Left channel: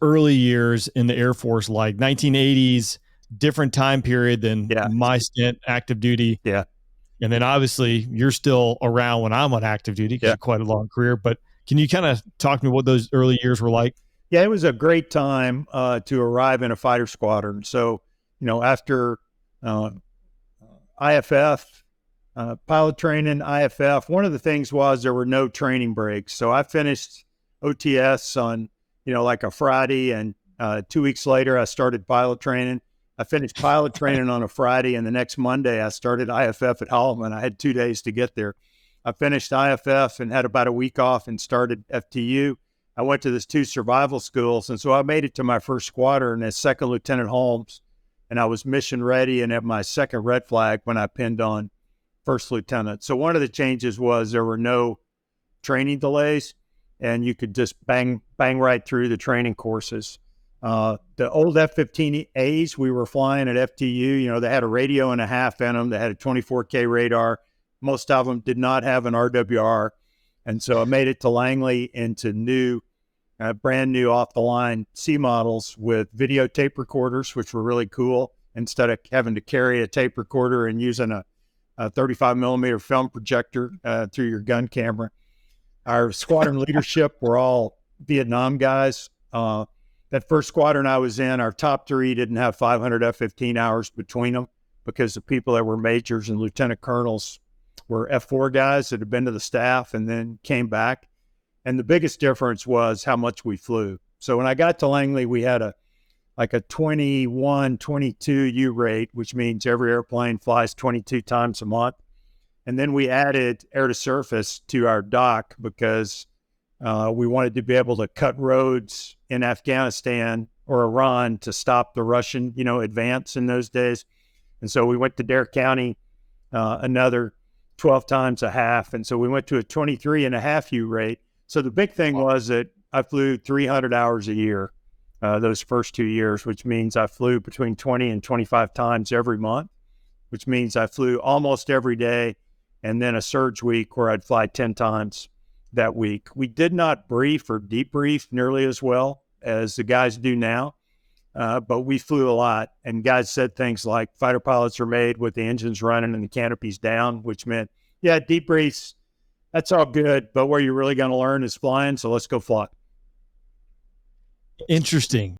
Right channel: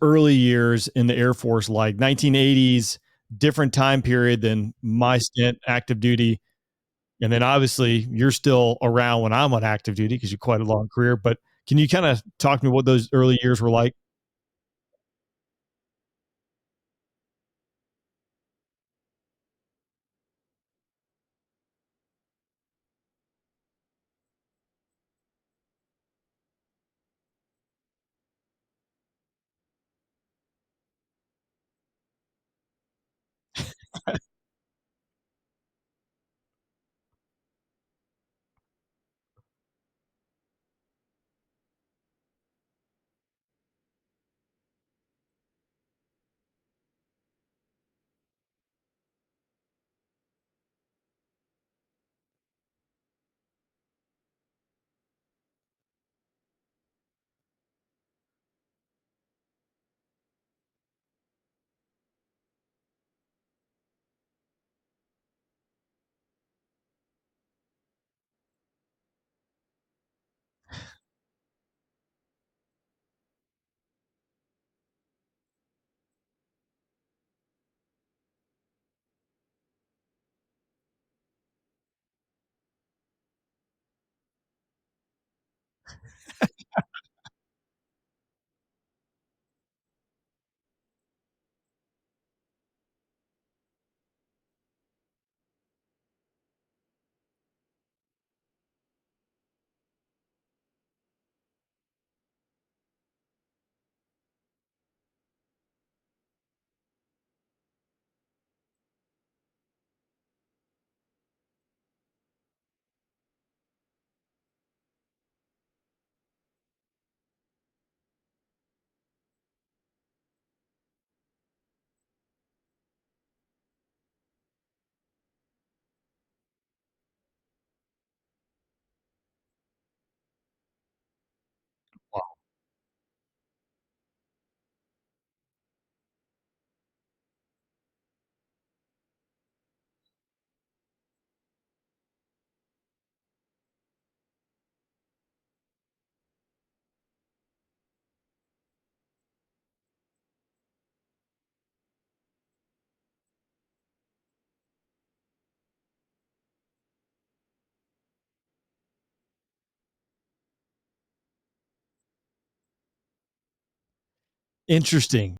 early years in the Air Force like? 1980s, different time period than my stint active duty. Yeah. And then obviously you're still around when I'm on active duty because you're quite a long career. But can you kind of talk to me what those early years were like? Yeah, it was a great time to arrive in a fighter squadron. So, after IFF, pilot training, IFF, one of the things was there were no training breaks. So I finished OTS on, like a Friday, and 2 weeks later I started pilot training. I finished pilot training on a Friday, and the next Monday I started IFF at Holloman. I had 2 days to get there. I finished IFF and had about a week off and started FTU. I went to these 2 survival schools, and so I made it to my first squadron as Second Lieutenant Holmes, and I was mission ready and at my second red flag when I pinned on first lieutenant. So one of the changes was there were no training delays, and you could just bang right through the training courses. The old F-15As we were flying at FTU, they had a radio and a half in them. They had a 24K radar. Most of them did not have an RWR. And so I made it to Langley into brand new off-the-line C models with video tape recorders, which were really cool. Instead of having to carry a tape recorder and using a 35 millimeter film projector through your gun camera. Our squadron leadership were all Vietnam guys. That first squadron I was in, our top 3 didn't have 500 F-15 hours between them because the people that were majors and lieutenant colonels were F4 guys that had been to the staff and then came back. And the biggest difference was how much we flew. So when I got to Langley, we had a 21, 22 U rate, which means every airplane flies 22 times a month. And then we added air to surface to our dock because we wanted to be able to cut roads in Afghanistan or Iran to stop the Russian, advance in those days. And so we went to Dare County, another 12 times a half. And so we went to a 23 and a half U rate. So the big thing was that I flew 300 hours a year those first 2 years, which means I flew between 20 and 25 times every month, which means I flew almost every day, and then a surge week where I'd fly 10 times that week. We did not brief or debrief nearly as well as the guys do now, but we flew a lot. And guys said things like fighter pilots are made with the engines running and the canopies down, which meant, debriefs, that's all good, but where you're really going to learn is flying, so let's go fly. Interesting.